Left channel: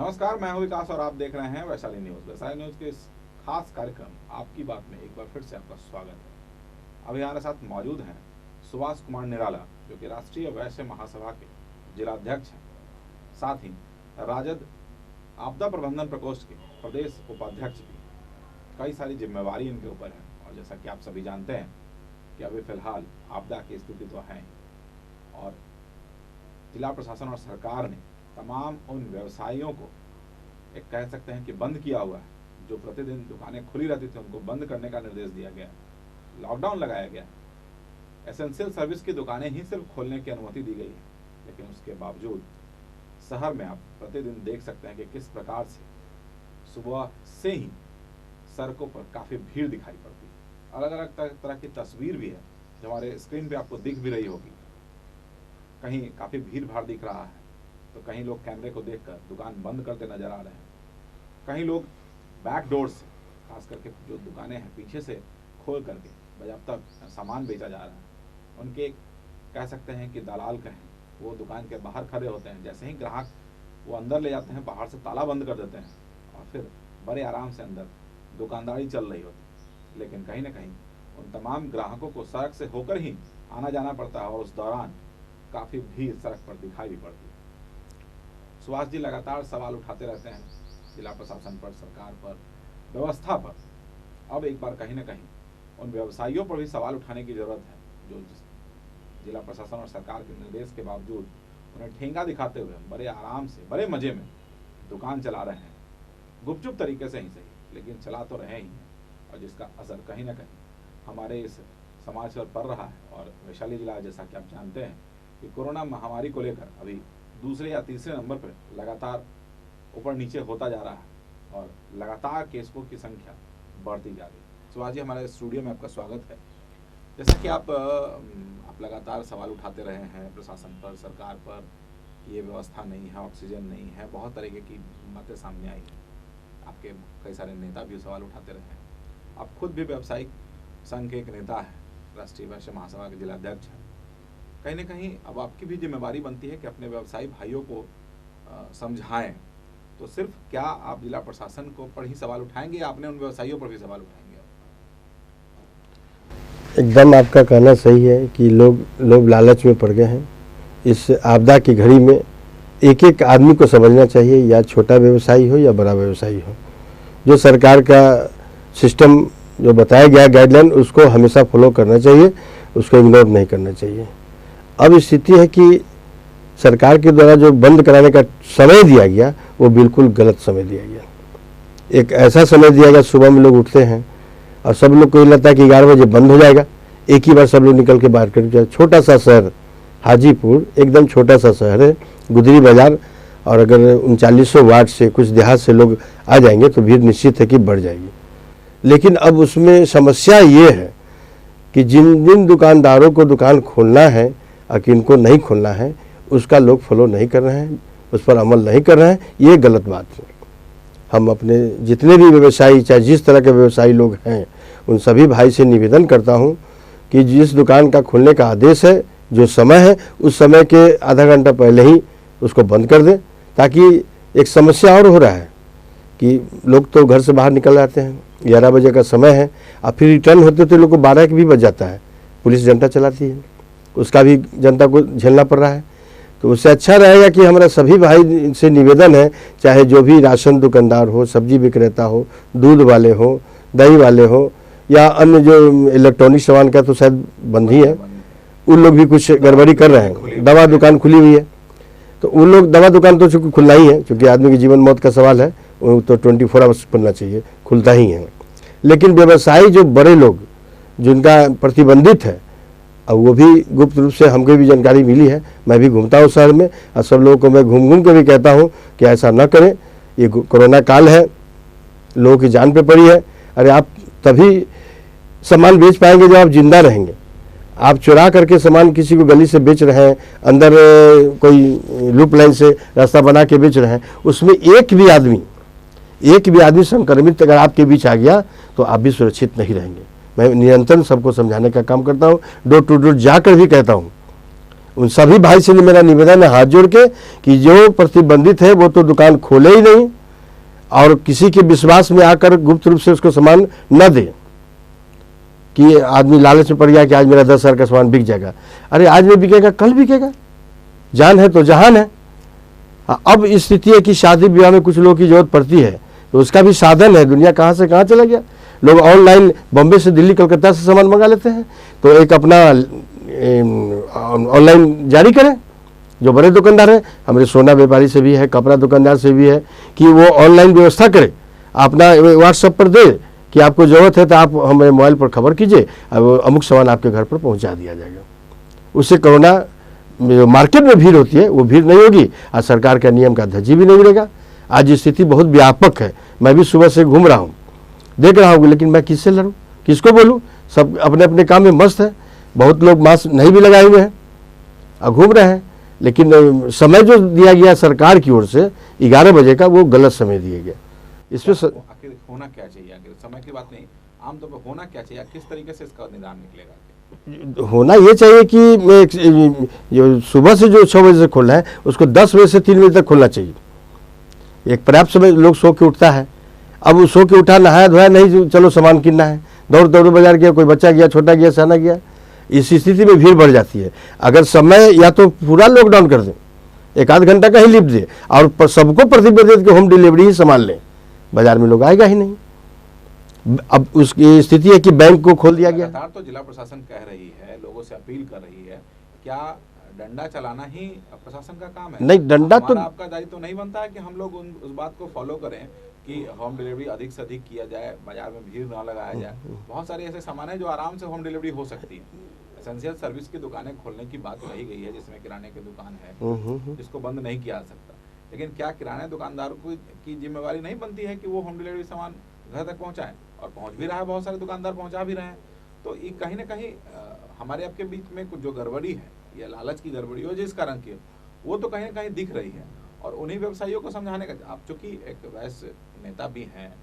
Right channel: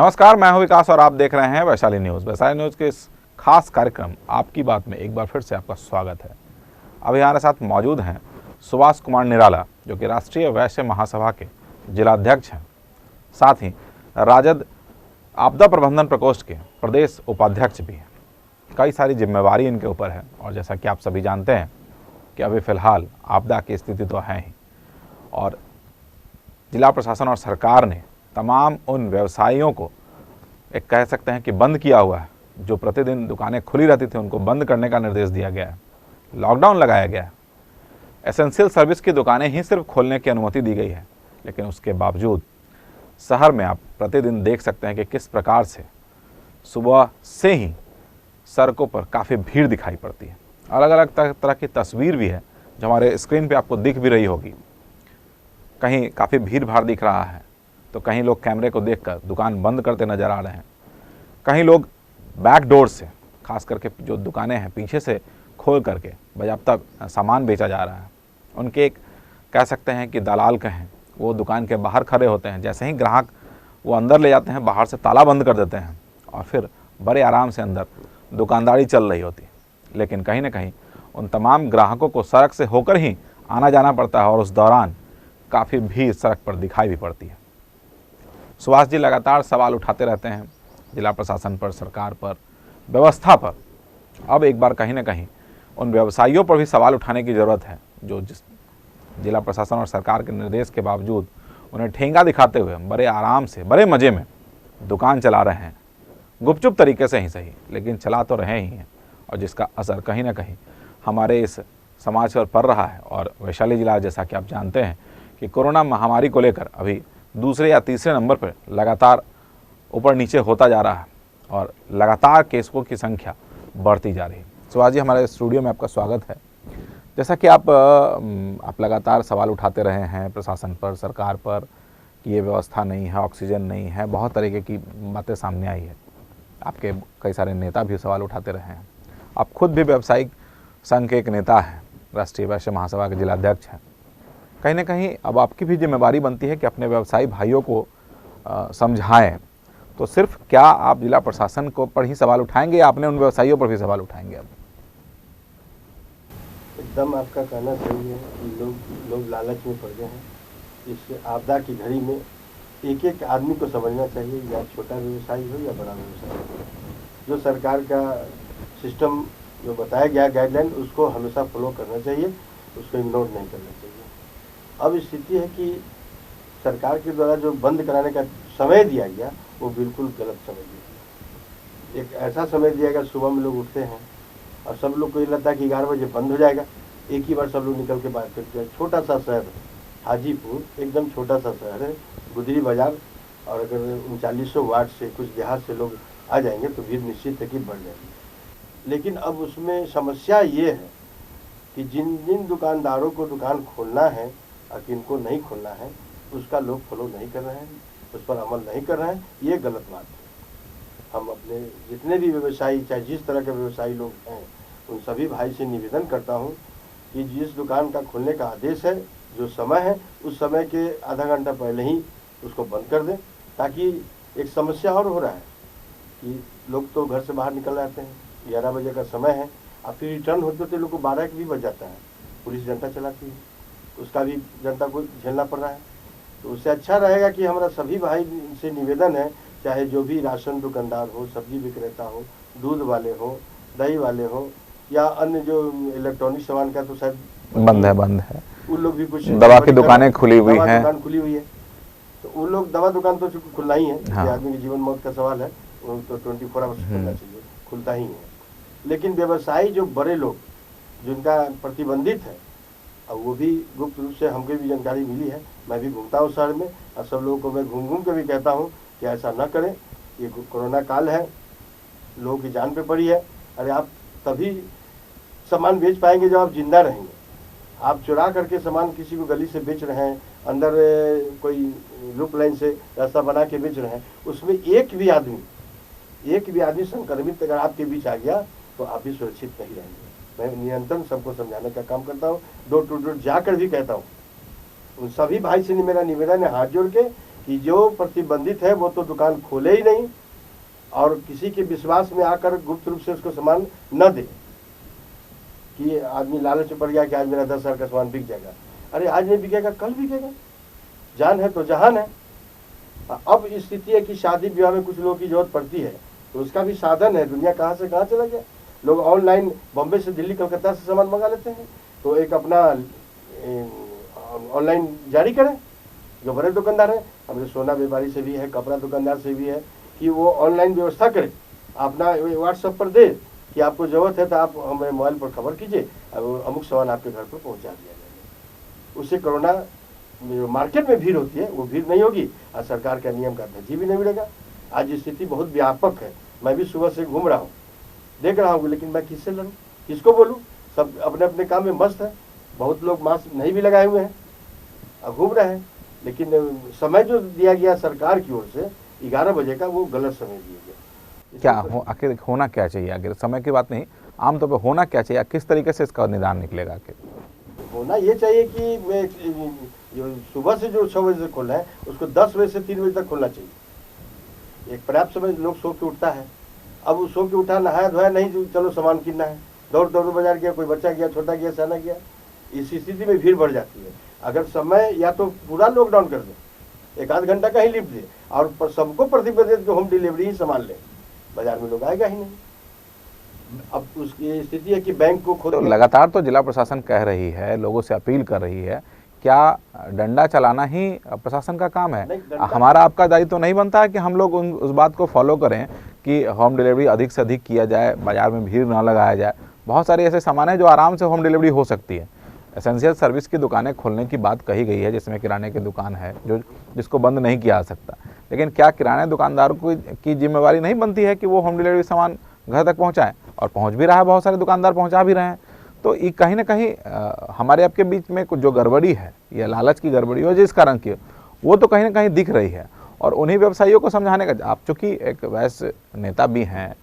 नमस्कार, मैं हूं विकास और आप देख रहे हैं वैशाली न्यूज़। वैशाली न्यूज़ के इस खास कार्यक्रम आपकी बात में एक बार फिर से आपका स्वागत है। अभी हमारे साथ मौजूद हैं सुभाष कुमार निराला, जो कि राष्ट्रीय वैश्य महासभा के जिलाध्यक्ष हैं, साथ ही राजद आपदा प्रबंधन प्रकोष्ठ के प्रदेश उपाध्यक्ष भी हैं। कई सारी जिम्मेवारी इनके ऊपर है और जैसा कि आप सभी जानते हैं कि अभी फ़िलहाल आपदा की स्थिति तो है ही, और जिला प्रशासन और सरकार ने तमाम उन व्यवसायियों को एक कह सकते हैं कि बंद किया हुआ है। जो प्रतिदिन दुकानें खुली रहती थी उनको बंद करने का निर्देश दिया गया है, लॉकडाउन लगाया गया है। एसेंशियल सर्विस की दुकानें ही सिर्फ खोलने की अनुमति दी गई है, लेकिन उसके बावजूद शहर में आप प्रतिदिन देख सकते हैं कि किस प्रकार से सुबह से ही सड़कों पर काफ़ी भीड़ दिखाई पड़ती है। अलग अलग तरह की तस्वीर भी है जो हमारे स्क्रीन पे आपको दिख भी रही होगी। कहीं काफ़ी भीड़ भाड़ दिख रहा है तो कहीं लोग कैमरे को देखकर दुकान बंद करते नज़र आ रहे हैं, कहीं लोग बैक डोर से, खास करके जो दुकानें हैं पीछे से खोल करके बाज़ाब्ता सामान बेचा जा रहा है। उनके एक कह सकते हैं कि दलाल कहें, वो दुकान के बाहर खड़े होते हैं। जैसे ही ग्राहक वो अंदर ले जाते हैं, बाहर से ताला बंद कर देते हैं और फिर बड़े आराम से अंदर दुकानदारी चल रही होती है। लेकिन कहीं ना कहीं उन तमाम ग्राहकों को सड़क से होकर ही आना जाना पड़ता है और उस दौरान काफ़ी भीड़ सड़क पर दिखाई भी पड़ती है। सुभाष जी लगातार सवाल उठाते रहते हैं जिला प्रशासन पर, सरकार पर, व्यवस्था पर। अब एक बार कहीं ना कहीं उन व्यवसायियों पर भी सवाल उठाने की ज़रूरत है, जो जिला प्रशासन और सरकार के निर्देश के बावजूद उन्हें ठेंगा दिखाते हुए बड़े आराम से, बड़े मज़े में दुकान चला रहे हैं। गुपचुप तरीके से ही सही, लेकिन चला तो रहे ही हैं, और जिसका असर कहीं ना कहीं हमारे इस समाज पर पड़ रहा है। और वैशाली जिला, जैसा कि आप जानते हैं कि कोरोना महामारी को लेकर अभी दूसरे या तीसरे नंबर पर लगातार ऊपर नीचे होता जा रहा है और लगातार केसों की संख्या बढ़ती जा रही है। सुभाष जी, हमारे स्टूडियो में आपका स्वागत है। जैसा कि आप लगातार सवाल उठाते रहे हैं प्रशासन पर, सरकार पर, कि ये व्यवस्था नहीं है, ऑक्सीजन नहीं है, बहुत तरीके की बातें सामने आई है। आपके कई सारे नेता भी सवाल उठाते रहे हैं। आप खुद भी व्यावसायिक संघ के एक नेता हैं, राष्ट्रीय वैश्य महासभा के जिलाध्यक्ष हैं। कहीं ना कहीं अब आपकी भी जिम्मेवारी बनती है कि अपने व्यवसायी भाइयों को समझाएं। तो सिर्फ क्या आप जिला प्रशासन को पर ही सवाल उठाएंगे या अपने उन व्यवसायियों पर भी सवाल उठाएंगे? अब एकदम आपका कहना सही है कि लोग लालच में पड़ गए हैं। इस आपदा की घड़ी में एक एक आदमी को समझना चाहिए, या छोटा व्यवसायी हो या बड़ा व्यवसायी हो, जो सरकार का सिस्टम जो बताया गया गाइडलाइन उसको हमेशा फॉलो करना चाहिए, उसको इग्नोर नहीं करना चाहिए। अब स्थिति है कि सरकार के द्वारा जो बंद कराने का समय दिया गया वो बिल्कुल गलत समय दिया गया। एक ऐसा समय दिया गया, सुबह में लोग उठते हैं और सब लोग को ये लगता है कि 11 बजे बंद हो जाएगा, एक ही बार सब लोग निकल के बाहर कर जाए। छोटा सा शहर हाजीपुर, एकदम छोटा सा शहर है, गुदरी बाजार, और अगर 3900 वार्ड से कुछ देहात से लोग आ जाएंगे तो भीड़ निश्चित है कि बढ़ जाएगी। लेकिन अब उसमें समस्या ये है कि जिन जिन दुकानदारों को दुकान खोलना है और किनको नहीं खोलना है, उसका लोग फॉलो नहीं कर रहे हैं, उस पर अमल नहीं कर रहे हैं। ये गलत बात है। हम अपने जितने भी व्यवसायी, चाहे जिस तरह के व्यवसायी लोग हैं, उन सभी भाई से निवेदन करता हूं कि जिस दुकान का खुलने का आदेश है, जो समय है, उस समय के आधा घंटा पहले ही उसको बंद कर दें। ताकि एक समस्या और हो रहा है कि लोग तो घर से बाहर निकल जाते हैं, 11 बजे का समय है, और फिर रिटर्न होते तो लोग को 12 भी बज जाता है। पुलिस जनता चलाती है, उसका भी जनता को झेलना पड़ रहा है। तो उससे अच्छा रहेगा कि हमारा सभी भाई से निवेदन है, चाहे जो भी राशन दुकानदार हो, सब्जी विक्रेता हो, दूध वाले हो, दही वाले हो, या अन्य जो इलेक्ट्रॉनिक सामान का तो शायद बंद ही है, उन लोग भी कुछ गड़बड़ी कर रहे हैं। दवा दुकान खुली हुई है, तो उन लोग, दवा दुकान तो चूँकि खुलना ही है, क्योंकि आदमी की जीवन मौत का सवाल है, वो तो 24 आवर्स बनना चाहिए, खुलता ही है। लेकिन व्यवसायी जो बड़े लोग जिनका प्रतिबंधित है, और वो भी गुप्त रूप से हमको भी जानकारी मिली है, मैं भी घूमता हूँ शहर में, और सब लोगों को मैं घूम घूम के भी कहता हूँ कि ऐसा न करें। ये कोरोना काल है, लोगों की जान पे पड़ी है। अरे आप तभी सामान बेच पाएंगे जब आप जिंदा रहेंगे। आप चुरा करके सामान किसी को गली से बेच रहे हैं, अंदर कोई लूप लाइन से रास्ता बना के बेच रहे हैं, उसमें एक भी आदमी संक्रमित अगर आपके बीच आ गया तो आप भी सुरक्षित नहीं रहेंगे। मैं निरंतर सबको समझाने का काम करता हूँ, डोर टू डोर जाकर भी कहता हूँ उन सभी भाई से मेरा निवेदन है हाथ जोड़ के कि जो प्रतिबंधित है वो तो दुकान खोले ही नहीं और किसी के विश्वास में आकर गुप्त रूप से उसको सामान न दे कि आदमी लालच में पड़ गया कि आज मेरा 10,000 का सामान बिक जाएगा। अरे आज में बिकेगा, कल बिकेगा, जान है तो जहान है। अब स्थिति है कि शादी ब्याह में कुछ लोगों की जरूरत पड़ती है तो उसका भी साधन है। दुनिया कहाँ से कहाँ चला गया, लोग ऑनलाइन बॉम्बे से दिल्ली कलकत्ता से सामान मंगा लेते हैं। तो एक अपना ऑनलाइन जारी करें, जो बड़े दुकानदार हैं, हमारे सोना व्यापारी से भी है, कपड़ा दुकानदार से भी है कि वो ऑनलाइन व्यवस्था करे, अपना व्हाट्सएप पर दे कि आपको ज़रूरत है तो आप हमारे मोबाइल पर खबर कीजिए, अब अमुक सामान आपके घर पर पहुंचा दिया जाएगा। उससे कोरोना मार्केट में भीड़ होती है वो भीड़ नहीं होगी और सरकार का नियम का धज्जी भी नहीं उड़ेगा। आज स्थिति बहुत व्यापक है, मैं भी सुबह से घूम रहा हूँ, देख रहा हूँ, लेकिन मैं किससे लड़ूँ, किसको बोलूँ? सब अपने अपने काम में मस्त है। बहुत लोग मास्क नहीं भी लगाए हुए हैं और घूम रहे हैं, लेकिन समय जो दिया गया सरकार की ओर से 11 बजे का वो गलत समय दिया गया। इसमें आखिर होना क्या चाहिए? आखिर समय की बात नहीं, आमतौर पर होना क्या चाहिए, किस तरीके से इसका निदान निकलेगा? आखिर होना ये चाहिए कि जो सुबह से जो 6 बजे से खोलना है उसको 10 बजे से 3 बजे तक खोलना चाहिए। एक पर्याप्त समय लोग सो के उठता है, अब वो सो के उठा, नहाया धोया नहीं, चलो सामान किनना है, दौड़ दौड़ बाजार गया, कोई बच्चा गया, छोटा गया, सियाना गया। इस स्थिति में भीड़ बढ़ जाती है। अगर समय या तो पूरा लॉकडाउन कर दें, 1 आध घंटा का ही लिफ्ट दे और सबको प्रतिबंधित के होम डिलीवरी ही सामान लें, बाजार में लोग आएगा ही नहीं। अब उसकी स्थिति है कि बैंक को खोल दिया। लगातार तो जिला प्रशासन कह रही है, लोगों से अपील कर रही है, क्या डंडा चलाना ही प्रशासन का काम है? नहीं, डंडा हमारा आपका दायित्व तो नहीं बनता है कि हम लोग उस बात को फॉलो करें कि होम डिलीवरी अधिक से अधिक किया जाए, बाजार में भीड़ ना लगाया जाए। बहुत सारे ऐसे सामान है जो आराम से होम डिलीवरी हो सकती है। एसेंशियल सर्विस की दुकानें खोलने की बात कही गई है, जिसमें किराने की दुकान है जिसको बंद नहीं किया जा सकता, लेकिन क्या किराने दुकानदारों की जिम्मेवारी नहीं बनती है कि वो होम डिलीवरी सामान घर तक पहुंचाएं? और पहुंच भी रहा है, बहुत सारे दुकानदार पहुंचा भी रहे हैं। तो ये कहीं ना कहीं हमारे आपके बीच में कुछ जो गड़बड़ी है या लालच की गड़बड़ी हो जिस कारण की, वो तो कहीं ना कहीं दिख रही है। और उन्हीं व्यवसायियों को समझाने का, आप चूँकि एक वैश्य नेता भी हैं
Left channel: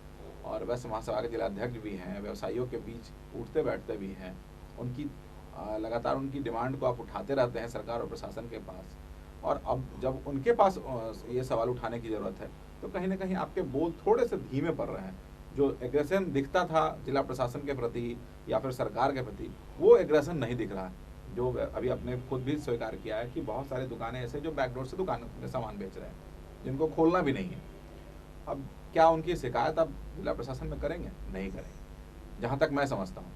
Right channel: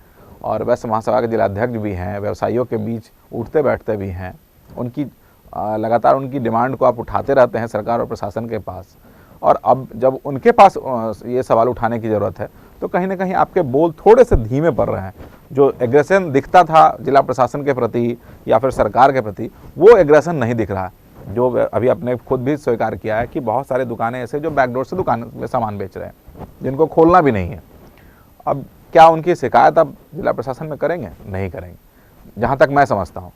और वैश्य महासभा के जिलाध्यक्ष भी हैं, व्यवसायियों के बीच उठते बैठते भी हैं, उनकी लगातार उनकी डिमांड को आप उठाते रहते हैं सरकार और प्रशासन के पास, और अब जब उनके पास ये सवाल उठाने की ज़रूरत है तो कहीं ना कहीं आपके बोल थोड़े से धीमे पड़ रहे हैं। जो एग्रेशन दिखता था जिला प्रशासन के प्रति या फिर सरकार के प्रति, वो एग्रेशन नहीं दिख रहा है। जो अभी आपने खुद भी स्वीकार किया है कि बहुत सारे दुकानें ऐसे जो बैकडोर से दुकान में सामान बेच रहे हैं, जिनको खोलना भी नहीं है। अब क्या उनकी शिकायत अब जिला प्रशासन में करेंगे? नहीं करेंगे, जहाँ तक मैं समझता हूँ।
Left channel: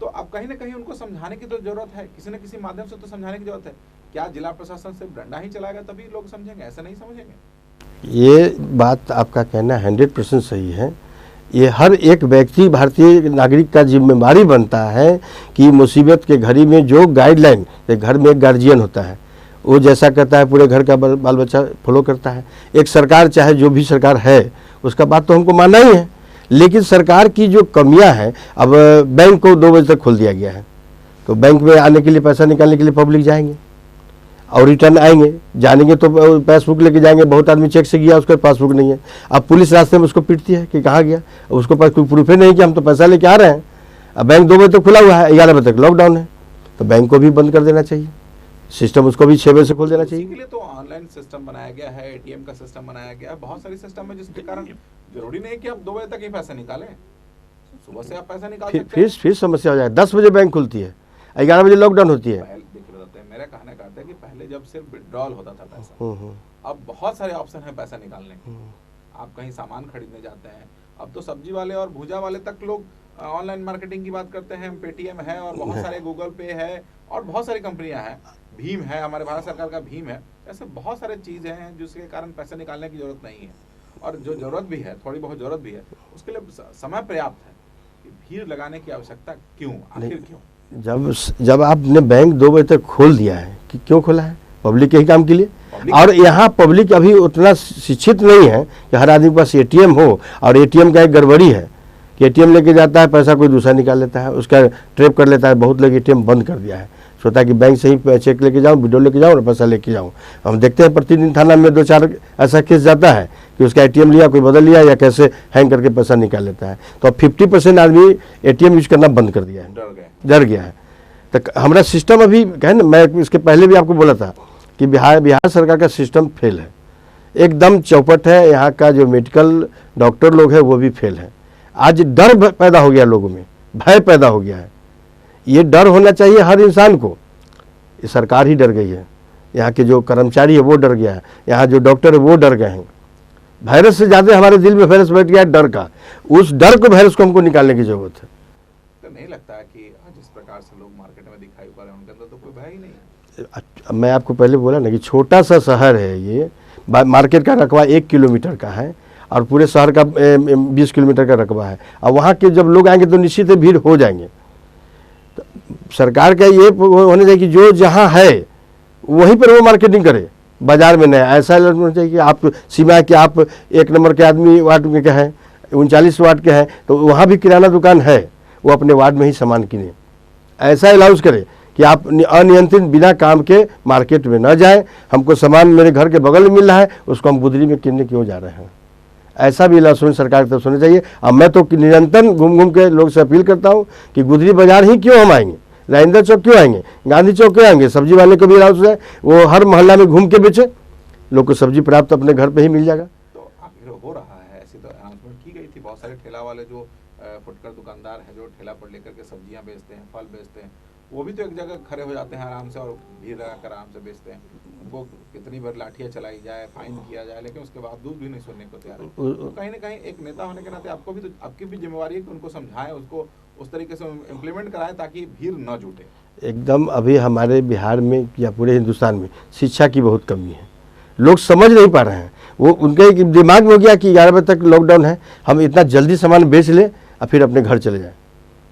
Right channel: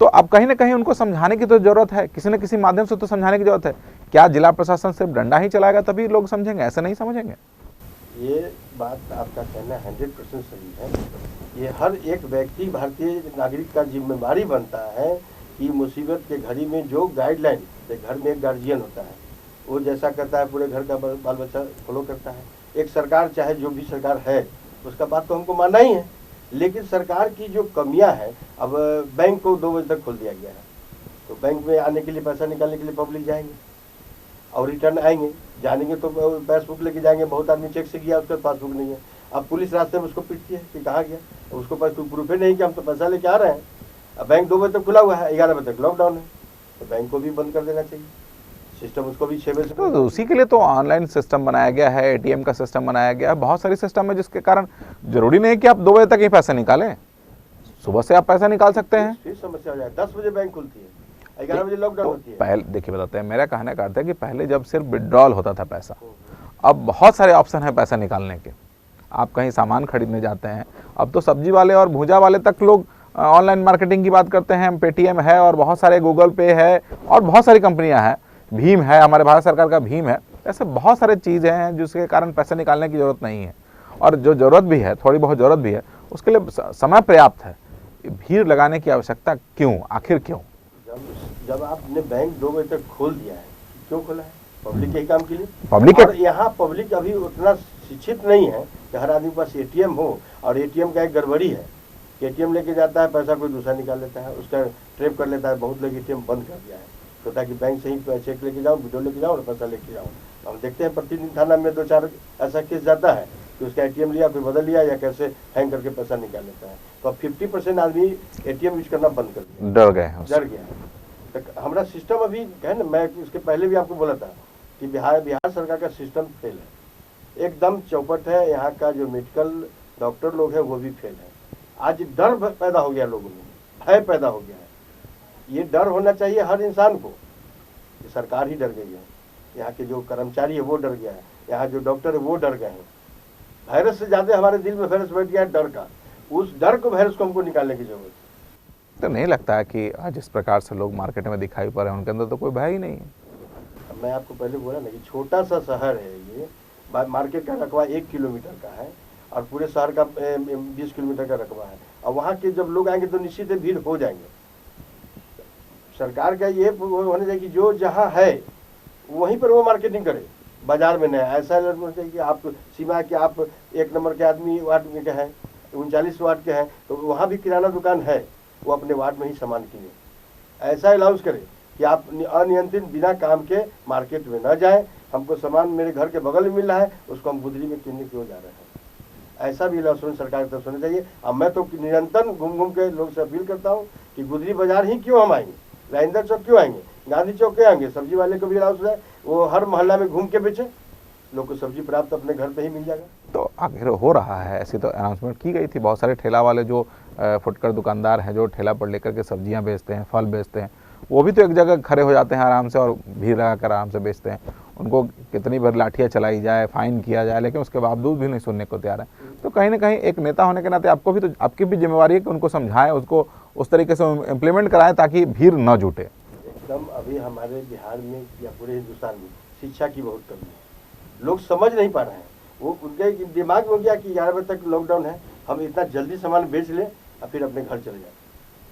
तो अब कहीं ना कहीं उनको समझाने की तो जरूरत है, किसी न किसी माध्यम से तो समझाने की जरूरत है। क्या जिला प्रशासन सिर्फ डंडा ही चलाएगा तभी लोग समझेंगे? ऐसे नहीं समझेंगे। ये बात आपका कहना 100% सही है। ये हर एक व्यक्ति, भारतीय नागरिक का जिम्मेदारी बनता है कि मुसीबत के घड़ी में जो गाइडलाइन, घर में एक गार्जियन होता है, वो जैसा कहता है पूरे घर का बाल बच्चा फॉलो करता है। एक सरकार, चाहे जो भी सरकार है, उसका बात तो हमको मानना ही है, लेकिन सरकार की जो कमियां हैं, अब बैंक को 2 बजे तक खोल दिया गया है, तो बैंक में आने के लिए, पैसा निकालने के लिए पब्लिक जाएंगे और रिटर्न आएंगे, जानेंगे तो पासबुक लेके जाएंगे। बहुत आदमी चेक से गया, उसका पासबुक नहीं है। अब पुलिस रास्ते में उसको पीटती है कि कहाँ गया, उसको पास कोई प्रूफ ही नहीं कि हम तो पैसा लेके आ रहे हैं। अब बैंक 2 बजे तक खुला हुआ है, 11 बजे तक लॉकडाउन है, तो बैंक को भी बंद कर देना चाहिए, सिस्टम उसको भी 6 बजे से खोल देना चाहिए। उसी के लिए तो ऑनलाइन सिस्टम बनाया गया है, एटीएम का सिस्टम बनाया गया है, बहुत सारी सिस्टम है, जिसके कारण जरूरी नहीं है कि आप 2 बजे तक ही पैसा निकालें, सुबह से आप पैसा निकाल सकते हैं। फिर समस्या हो जाए। 10 बजे बैंक खुलती है, 11 बजे लॉकडाउन होती है। पहले देखिए, बताते हैं, मेरा कहने का अर्थ है कि पहले जब सिर्फ विड्रॉल होता था पैसा, अब बहुत सारे ऑप्शन है पैसा निकालने के। आप कहीं सामान खरीदने जाते हैं, अब तो सब्जी वाले और भूजा वाले तक लोग ऑनलाइन मार्केटिंग की बात करते हैं। पेटीएम है और बहुत सारे गूगल पे है और बहुत सारी कंपनियां हैं, भीम है, हमारे भारत सरकार का भीम है। ऐसे बहुत सारे चीज़ें हैं जिसके कारण पैसा निकालने की जरूरत नहीं है, और जो जरूरत भी है, थोड़ी बहुत जरूरत भी है, उसके लिए समय पर्याप्त है। भीड़ लगाने की आवश्यकता क्यों, आखिर क्यों? जब आपने बैंक 2 बजे तक खोल दिया है, कि क्यों खोला है? पब्लिक के ही काम के लिए। और यहाँ पब्लिक अभी उतना शिक्षित नहीं है कि हर आदमी के पास एटीएम हो, और एटीएम का एक गड़बड़ी है कि एटीएम लेके जाता है, पैसा कोई दूसरा निकाल लेता है, उसका ट्रैप कर लेता है। बहुत लोग एटीएम बंद कर दिया है, सोचता है कि बैंक से ही चेक लेके जाऊँ, वीडियो लेके जाऊँ और पैसा लेके जाऊँ। हम देखते हैं प्रतिदिन थाना में 2-4 ऐसा केस जाता है कि उसका एटीएम लिया, कोई बदल लिया, या कैसे हैंग करके पैसा निकाल लेता है। तो अब 50% आदमी एटीएम यूज करना बंद कर दिया है, डर गया है। तो हमारा सिस्टम अभी कहे ना, मैं इसके पहले भी आपको बोला था कि बिहार सरकार का सिस्टम फेल है, एकदम चौपट है। यहाँ का जो मेडिकल डॉक्टर लोग हैं वो भी फेल है। आज डर पैदा हो गया लोगों में, भय पैदा हो गया है। ये डर होना चाहिए हर इंसान को। ये सरकार ही डर गई है, यहाँ के जो कर्मचारी है वो डर गया है, यहाँ जो डॉक्टर है वो डर गए हैं। वायरस से ज़्यादा हमारे दिल में वायरस बैठ गया है डर का। उस डर को, वायरस को हमको निकालने की जरूरत है। तो नहीं लगता है कि आज जिस प्रकार से लोग मार्केट में दिखाई पड़ रहे हैं उनके अंदर तो कोई भय ही नहीं है? मैं आपको पहले बोला ना कि छोटा सा शहर है ये, मार्केट का रकबा 1 किलोमीटर का है और पूरे शहर का 20 किलोमीटर का रकबा है। और वहाँ के जब लोग आएंगे तो निश्चित ही भीड़ हो जाएंगे। तो सरकार का ये होना चाहिए कि जो जहाँ है वहीं पर वो मार्केटिंग करे, बाजार में नहीं। ऐसा होना चाहिए कि आप सीमा है कि आप 1 नंबर के आदमी वार्ड में के हैं, 39 वार्ड के हैं, तो वहाँ भी किराना दुकान है, वो अपने वार्ड में ही सामान किने। ऐसा अलाउंस करे कि आप अनियंत्रित बिना काम के मार्केट में न जाएं। हमको सामान मेरे घर के बगल में मिल रहा है, उसको हम गुदरी में किनने क्यों जा रहे हैं? ऐसा भी अलाउंस सरकार की तरफ से होना चाहिए। अब मैं तो निरंतर घूम घूम के लोग से अपील करता हूँ कि गुदरी बाजार ही क्यों हम आएंगे, राजेंद्र चौक क्यों आएंगे, गांधी चौक क्यों आएंगे? सब्जी वाले को भी अलाउंस है, वो हर मोहल्ला में घूम के बेचे, लोग को सब्जी प्राप्त अपने घर पे ही मिल जाएगा। तो आखिर हो रहा है, ऐसी तो अनाउंसमेंट की गई थी। बहुत सारे ठेला वाले जो फुटकर दुकानदार हैं, जो ठेला पर लेकर के सब्जियां बेचते हैं, फल बेचते हैं, वो भी तो एक जगह खड़े हो जाते हैं आराम से और भीड़ लगा कर आराम से बेचते हैं। उनको कितनी बार लाठियाँ चलाई जाए, फाइन किया जाए, लेकिन उसके बावजूद भी नहीं सुनने को तैयार है। तो कहीं ना कहीं एक नेता होने के नाते आपको भी तो, आपकी भी जिम्मेवारी है कि उनको समझाएं, उसको उस तरीके से इम्प्लीमेंट कराएं ताकि भीड़ न जुटे। एकदम अभी हमारे बिहार में या पूरे हिंदुस्तान में शिक्षा की बहुत कमी है। लोग समझ नहीं पा रहे हैं। वो उनके दिमाग में हो गया कि 11 बजे तक लॉकडाउन है, हम इतना जल्दी सामान बेच लें और फिर अपने घर चले जाएं,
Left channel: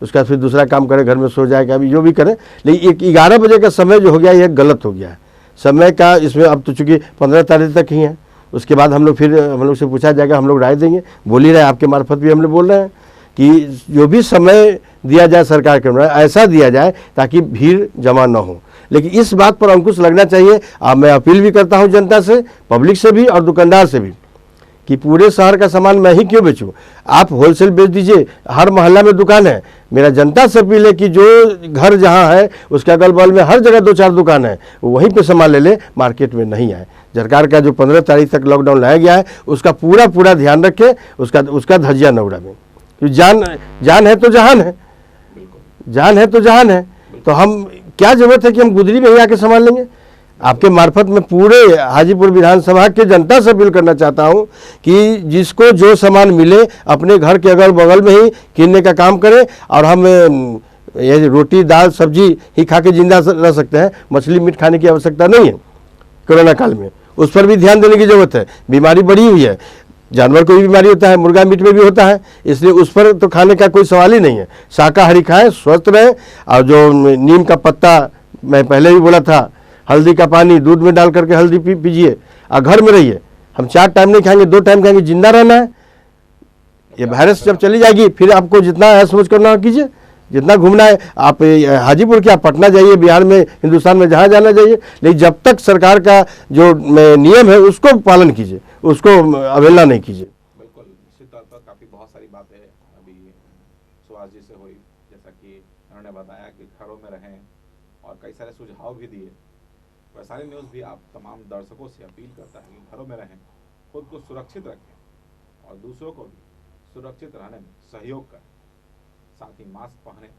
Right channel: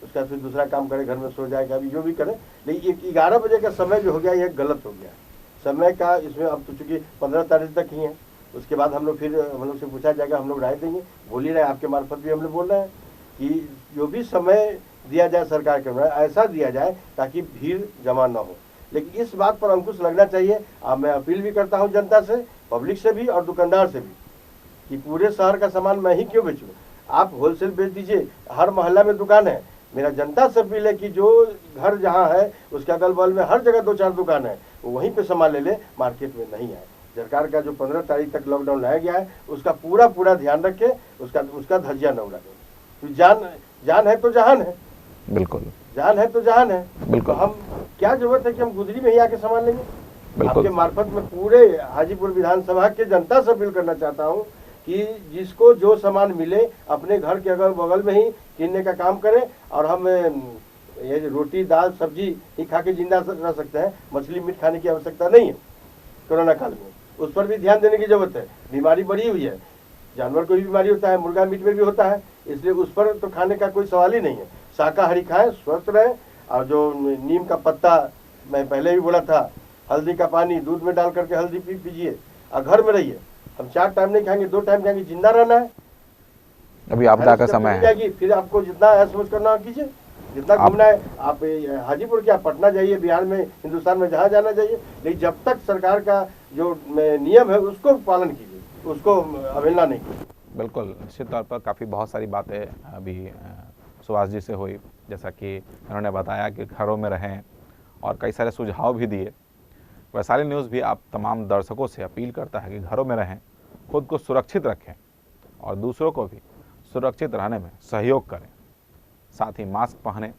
उसके बाद फिर दूसरा काम करे, घर में सो जाए, अभी जो भी करे। लेकिन 11 बजे का समय जो हो गया ये गलत हो गया है समय का। इसमें अब तो चूंकि 15 तारीख तक ही है, उसके बाद हम लोग फिर हम लोग से पूछा जाएगा, हम लोग राय देंगे। बोल ही रहे आपके मार्फत भी हम लोग बोल रहे हैं कि जो भी समय दिया जाए सरकार के अनुसार ऐसा दिया जाए ताकि भीड़ जमा न हो। लेकिन इस बात पर अंकुश लगना चाहिए। मैं अपील भी करता हूं जनता से, पब्लिक से भी और दुकानदार से भी कि पूरे शहर का सामान मैं ही क्यों बेचूं, आप होलसेल बेच दीजिए। हर मोहल्ला में दुकान है। मेरा जनता से अपील है कि जो घर जहां है उसके अगल बगल में हर जगह 2-4 दुकान है, वहीं पे सामान ले ले, मार्केट में नहीं आए। सरकार का जो 15 तारीख तक लॉकडाउन लाया गया है उसका पूरा ध्यान रखे, उसका धज्जिया न उड़ावे। जान है तो जहान है, बिल्कुल जान है तो जहान है। तो हम क्या जरूरत है कि हम गुदरी में ही आके सामान लेंगे? आपके मार्फत में पूरे हाजीपुर विधानसभा के जनता से अपील करना चाहता हूं कि जिसको जो सामान मिले अपने घर के अगल बगल में ही किनने का काम करें। और हम ये रोटी दाल सब्जी ही खा के जिंदा रह सकते हैं, मछली मीट खाने की आवश्यकता नहीं है कोरोना काल में। उस पर भी ध्यान देने की जरूरत है। बीमारी बढ़ी हुई है, जानवर को भी बीमारी होता है, मुर्गा मीट में भी होता है, इसलिए उस पर तो खाने का कोई सवाल ही नहीं है। शाकाहारी खाएं, स्वस्थ रहे। और जो नीम का पत्ता मैं पहले भी बोला था, हल्दी का पानी दूध में डाल करके हल्दी पीजिए और घर में रहिए। हम 4 टाइम नहीं खाएंगे, 2 टाइम खाएंगे, जिंदा रहना है। ये वायरस जब चली जाएगी फिर आपको जितना है सोच करना कीजिए, जितना घूमना है। आप हाजीपुर के, आप पटना जाइए, बिहार में, हिंदुस्तान में जहाँ जाना चाहिए। लेकिन जब तक सरकार का जो नियम है उसको पालन कीजिए, उसको अवहेलना नहीं कीजिए। बिल्कुल, निश्चित तौर पर काफ़ी बहुत सारी बातें अभी सुभाष जी से हुई, जैसा कि उन्होंने बताया कि घरों में रहें और कई सारे सुझाव भी दिए। वैशाली न्यूज़ भी आप तमाम दर्शकों से अपील करता है कि घरों में रहें, खुद को सुरक्षित रखें और दूसरों को भी सुरक्षित रहने में सहयोग करें। साथ ही मास्क पहनें,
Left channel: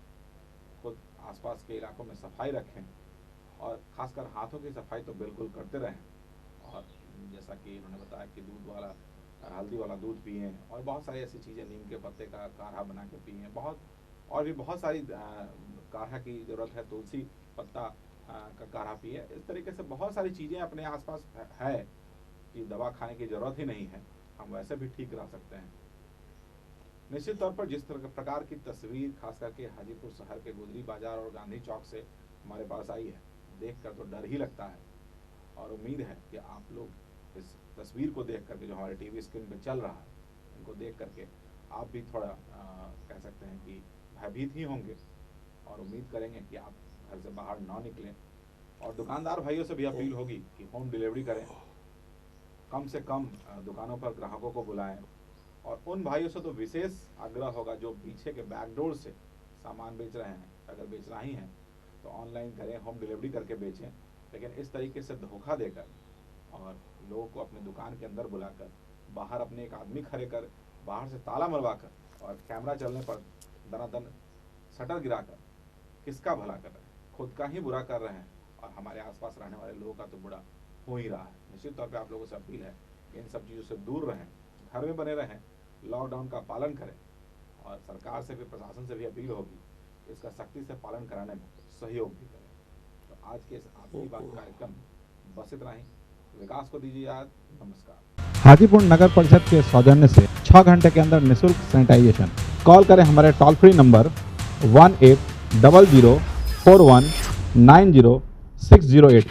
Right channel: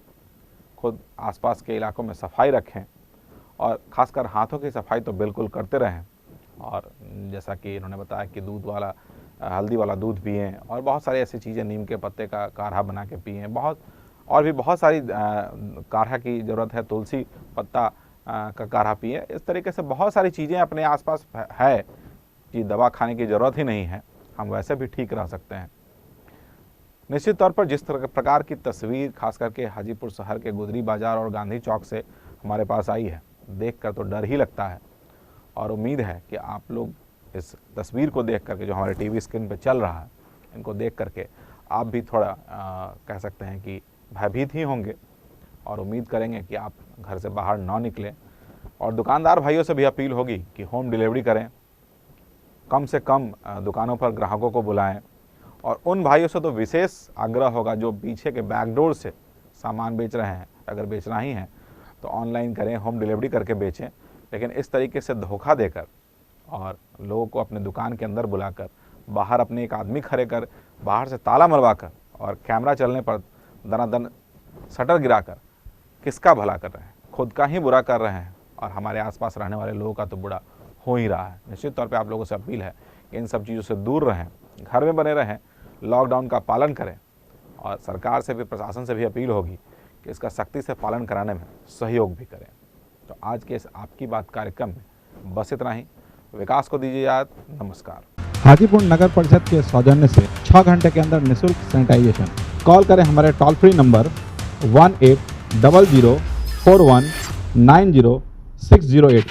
खुद आसपास के इलाकों में सफाई रखें और ख़ासकर हाथों की सफाई तो बिल्कुल करते रहें। और जैसा कि इन्होंने बताया कि दूध वाला, हल्दी वाला दूध पिएं और बहुत सारी ऐसी चीज़ें, नीम के पत्ते का काढ़ा बना के पिएं, और भी बहुत सारी काढ़ा की ज़रूरत है, तुलसी पत्ता का काढ़ा पिए। इस तरीके से बहुत सारी चीज़ें अपने आसपास है कि दवा खाने की ज़रूरत ही नहीं है, हम वैसे भी ठीक रह सकते हैं। निश्चित तौर पर जिस प्रकार की तस्वीर खास करके हाजीपुर शहर के गुदरी बाज़ार और गांधी चौक से हमारे पास आई है, देखकर तो डर ही लगता है। और उम्मीद है कि आप लोग इस तस्वीर को देख करके, जो हमारे टीवी स्क्रीन पर चल रहा है, इनको देख करके आप भी थोड़ा कह सकते हैं कि भयभीत ही होंगे और उम्मीद करेंगे कि आप घर से बाहर ना निकलें। और दुकानदार भाइयों से भी अपील होगी कि होम डिलीवरी करें, कम से कम दुकानों पर ग्राहकों को बुलाएं। और उन भाइयों से तो विशेष आग्रह होगा जो पीछे के बैकडोर से सामान बेच रहे हैं, अगर बेचना ही है तो ऑनलाइन करें, होम डिलीवरी करके बेचें। लेकिन इस तरीके से धोखा देकर और लोगों को अपने दुकान के अंदर बुलाकर, बाहर अपने एक आदमी खड़े कर, बाहर से ताला मरवा कर और कैमरा चलने पर दनादन शटर गिराकर किसका भला कर रहे हैं? खुद का ही बुरा कर रहे हैं और हमारे आसपास रहने वाले लोगों का तो बुरा हो ही रहा है। निश्चित तौर पे आप लोगों से अपील है कि इन सब चीज़ों से दूर रहें, घर में बने रहें, लॉकडाउन का पालन करें और सरकार से भी, प्रशासन से भी अपील होगी कि इसका सख्ती से पालन कराने में सहयोग भी करें। तो आज के इस आपकी बात कार्यक्रम में बस इतना ही। विकास को दीजिए याद। नमस्कार। हाजीपुर नगर परिषद के सौजन्य से 6 घंटे के अंदर निःशुल्क सैनिटाइजेशन। कॉल करें हमारे टोल फ्री नंबर 180041906084।